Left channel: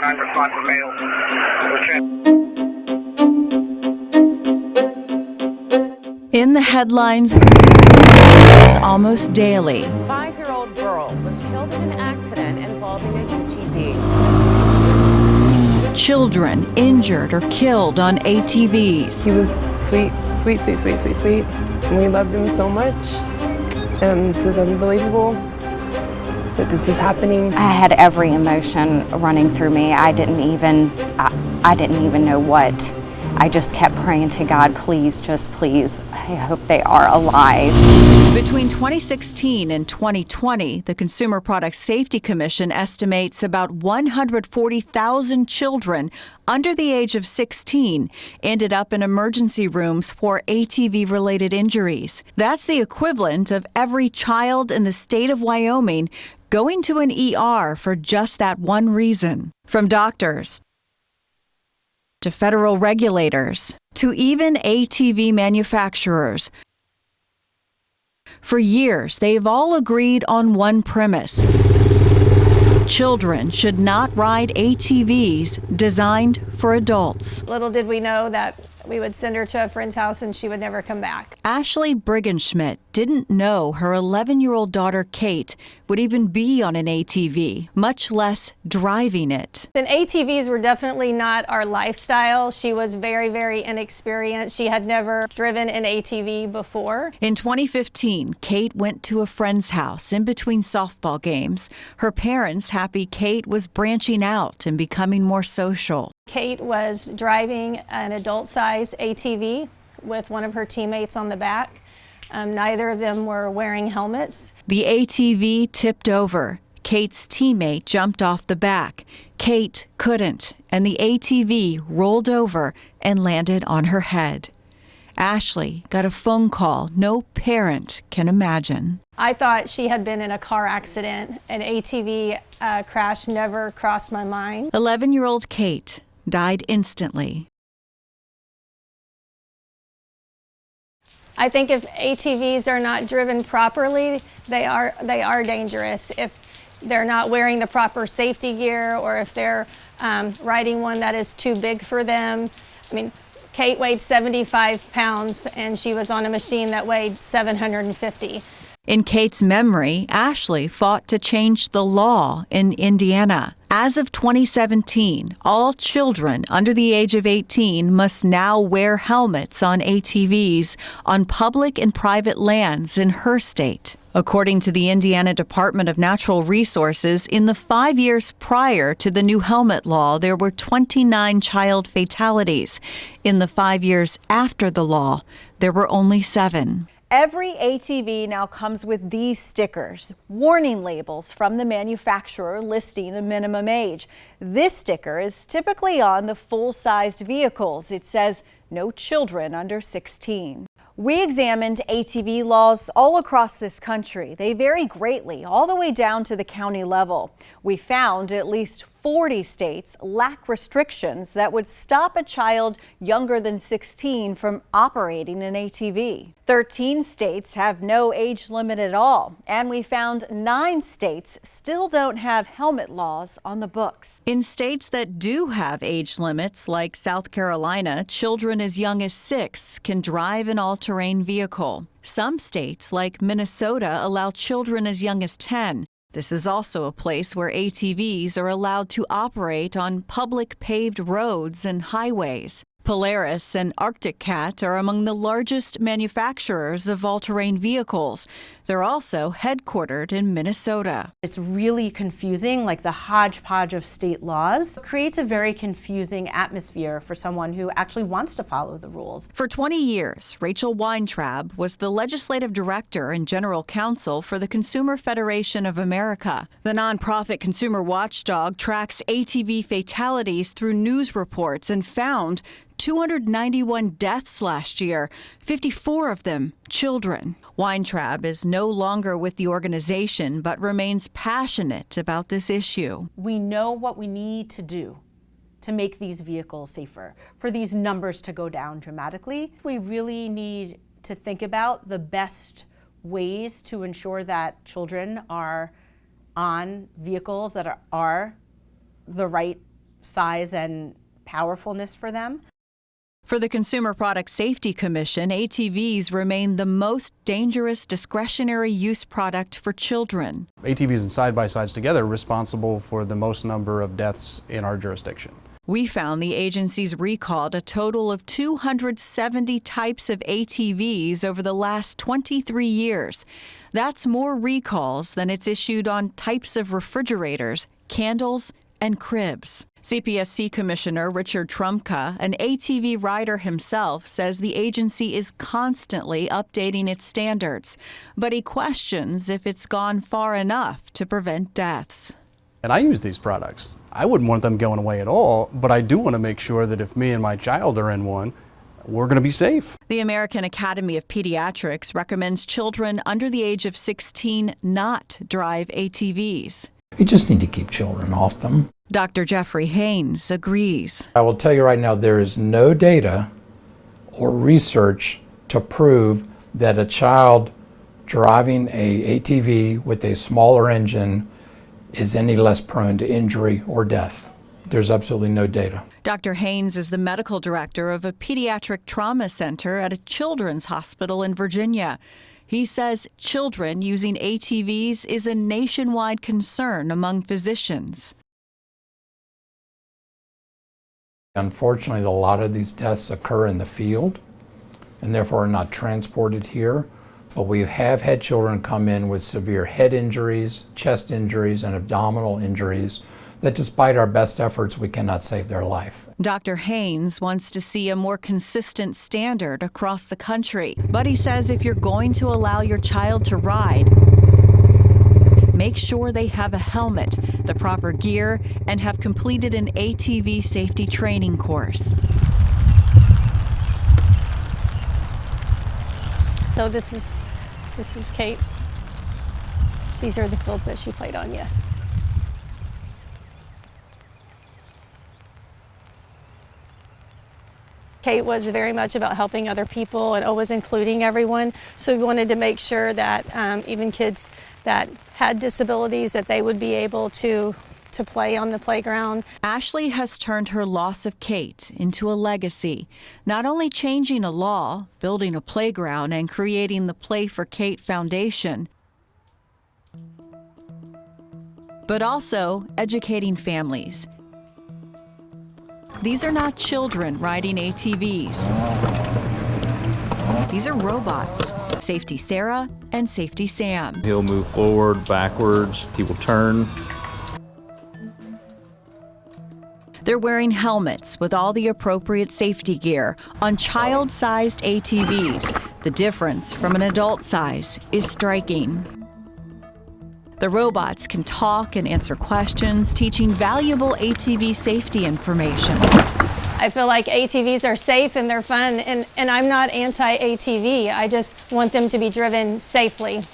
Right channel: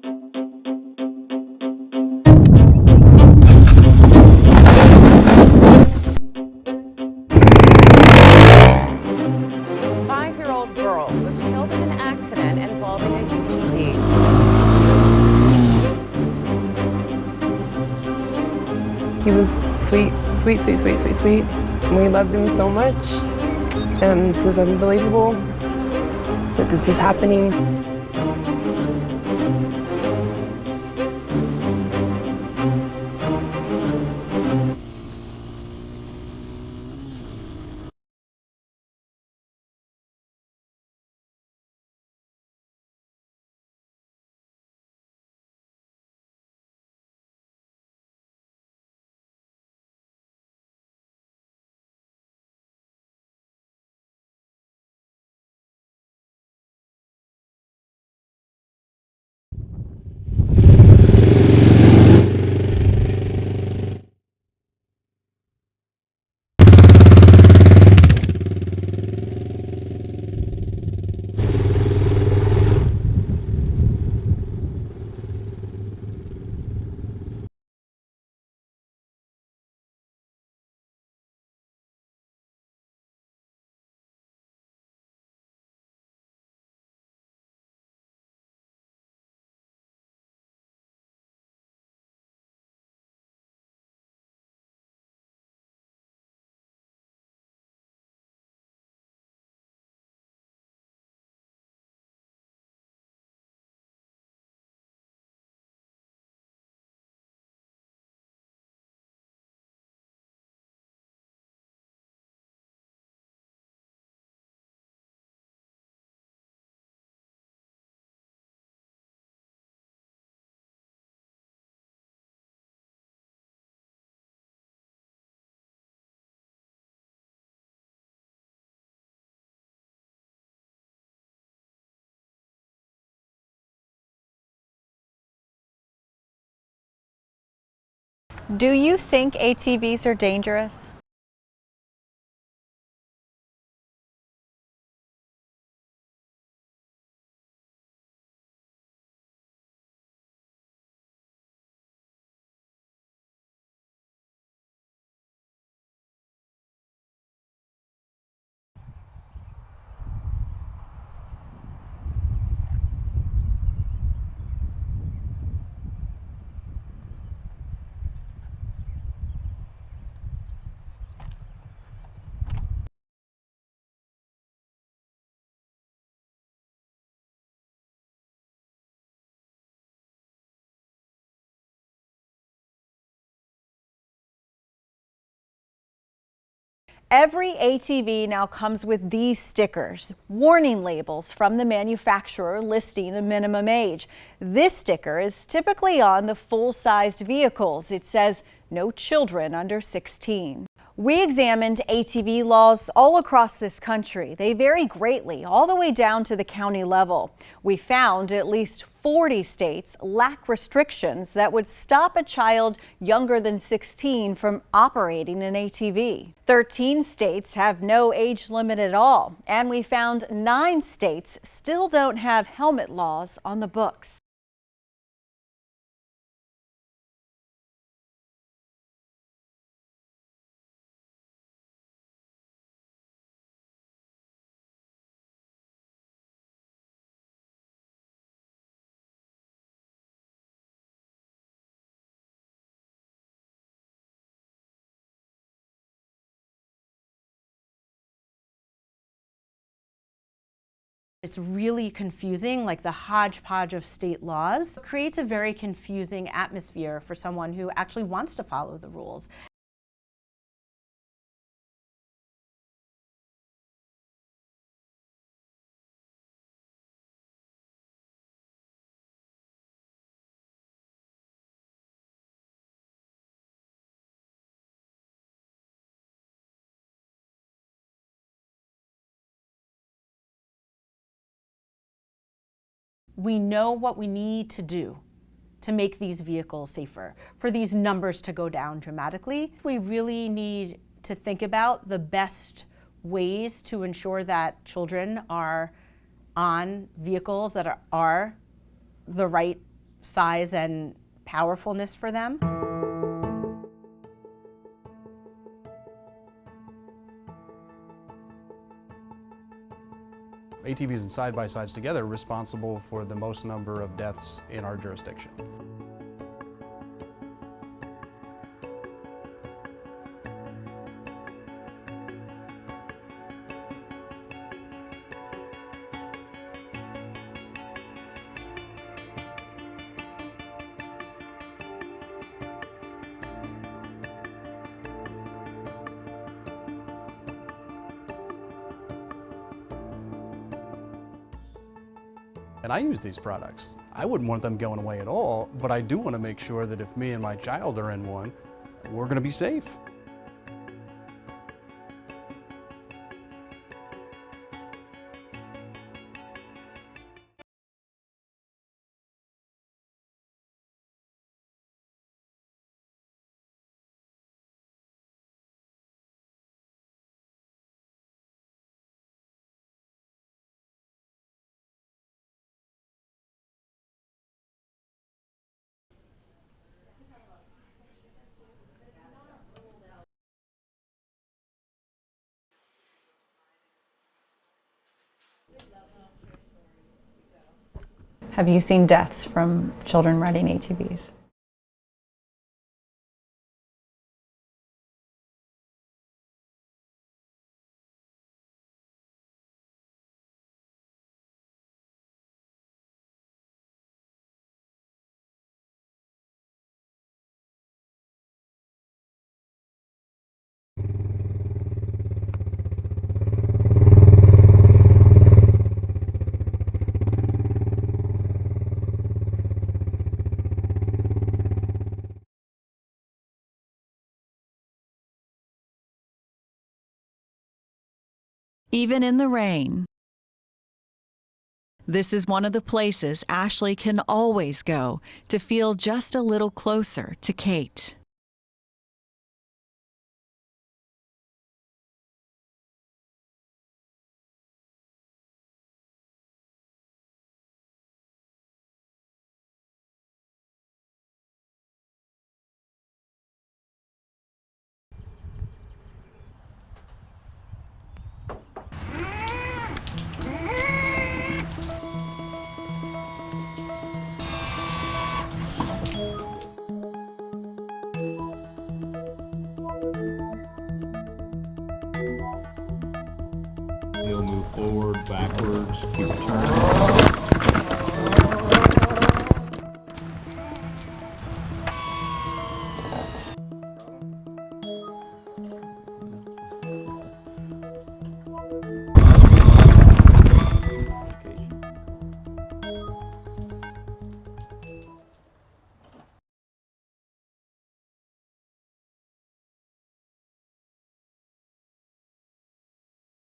9 response available. In the headlines almost daily. 5-year-old girl was killed in an accident involving a UTV. Children injured or killed on ATVs. He was sweet, sweet, sweet, sweet, sweet, sweet. And we loved him so much. And this is unbelievable that this is happening. I had every emotion running through me. I didn't even know what. I just kept praying to God, please, just please, I hope they are alive. Between 2016 and 2020, the Consumer Product Safety Commission estimates about 140,000 children under the age of 16 ended up in emergency rooms for ATV-related injuries. That's the equivalent of every child in the state of Wyoming going to an ER for just that one reason. From doctors to federal regulators, to even ATV manufacturers. For years, they've all agreed on one premise. Children should not ride ATVs designed for adults. Little did we know that we would send her to a friend's house and she would never come back. Ashley Briggenschmidt didn't know her 11-year-old daughter, Kate, would even be on an ATV, much less driving it. And ATVs were definitely not our lifestyle. She was very, very inexperienced. She had never driven an ATV before. In 2015, Kate went to a friend's house in between softball games. Her parents happy Kate was branching out and becoming more social. Kate was driving an adult-size ATV with one of her teammates on the back. Neither of them were wearing helmets. The ATV tipped over. Kate's teammate jumped off the back. Kate couldn't, and the ATV rolled over and landed on her head. Ashley got a phone call no parent can imagine. I thought she had been in a car accident. An ATV crash never crossed my mind. 11-year-old Kate died instantly. Do you think ATVs are dangerous? I think if ATVs are not driven properly, they are dangerous. If they're not wearing the proper safety gear, or if they're riding one that is too big for them. I mean, Kate weighed 75 pounds and she was on a machine that weighed 750. In Kate's memory, Ashley fought to change the law in Indiana. As of 2017, all children under the age of 18 must now wear helmets on ATVs on public and private lands in her state. According to the Indiana Department of Natural Resources, in the 5 years prior to the new helmet law, there were 29 child fatalities. In the 5 years after the law, there were only 7. Every ATV now comes with these stickers, warning labels from the manufacturer listing a minimum age. This sticker is typically on the full-sized vehicles. It says, "No children under 16." We examined ATV laws all across this country. They vary greatly, all the way down to the county level. We found at least 40 states lack restrictions that would stop a child younger than 16 from operating an ATV. 13 states have no age limit at all, and we found 9 states still don't have helmet laws on the books. In states that do have age limits, like South Carolina, children as young as 6 can drive an all-terrain vehicle. Some states, like Minnesota, allow children as young as 10. This is also a place where ATVs are allowed to operate on public paved roads and highways. Polaris and Arctic Cat are among the largest manufacturers of all-terrain vehicles. They're also headquartered in Minnesota. It's really confusing, like the hodgepodge of state laws. It creates a very confusing atmosphere for someone who actually wants to follow the rules. For 20 years, Rachel Weintraub was the legislative director and general counsel for the Consumer Federation of America. The nonprofit consumer watchdog tracks ATV fatalities through news reports and found 291 deaths last year, 54 of them children. Weintraub is no longer with the organization, but remains passionate about this issue. We know what we need to do to make these vehicles safer, for these numbers to go down dramatically. We really need to think about the best ways to ensure that children are on vehicles that are the right size and powerfulness for them. For the Consumer Product Safety Commission, ATVs remain the most dangerous discretionary use product for children. ATVs and side-by-sides together are responsible for the most number of deaths in our jurisdiction. We found the agency's recalled a total of 270 types of ATVs over the last 23 years. That's more recalls than it's issued on types of refrigerators, candles, and cribs. CPSC Commissioner Richard Trumka, an ATV rider himself, says the agency is constantly updating its standards, but he questions if it's gone far enough to prevent deaths. And I use these products. I wouldn't want them going away at all, but I do want to make sure that if me and my child are in one, we're going to be safe. The American Academy of Pediatrics recommends children under the age of 16 not drive ATVs. We just need to keep children off them. Dr. Jeffrey Haynes agrees. I will tell you right now, there is no data or research to prove that a child driving a ATV with a smaller engine is any less prone to injury or death. There's absolutely no data. Dr. Haynes is the medical director of a pediatric trauma center at a children's hospital in Virginia. He says children using ATVs is a nationwide concern among physicians. Have you seen deaths from children riding ATVs? Unfortunately, a lot of these deaths occur in the field and therefore are not transported here. But we have had children come in with severe head injuries, chest injuries, and abdominal injuries that despite our best efforts, we cannot save their life. Dr. Haynes wants to see a more consistent standard across the country, but he says if you're going to allow your child to ride, make sure they have a helmet, the proper gear, and have completed an ATV safety training course. So this is Kate. Even in the rain, These are the fields that she played on, yes. this is one of the places Ashley can always go to feel just a little closer to Kate. Kate was very much about helping other people and always including everyone. So we wanted to make sure that even kids that had disabilities, that they would be able to play on the playground. Ashley has turned her loss of Kate into a legacy, not only changing a law, building a playground, and creating the Play for Kate Foundation, but also educating families. These are not children riding ATVs. These are robots, Safety Sarah and Safety Sam. He'll move forward, backwards, he will turn. They're wearing helmets with all the appropriate safety gear on child-sized ATVs. The difference from an adult size is striking. The robots can talk and answer questions, teaching valuable ATV safety information. I feel like ATVs are safe and they're fun, and I'm not anti-ATV. I just want them to be driven safely.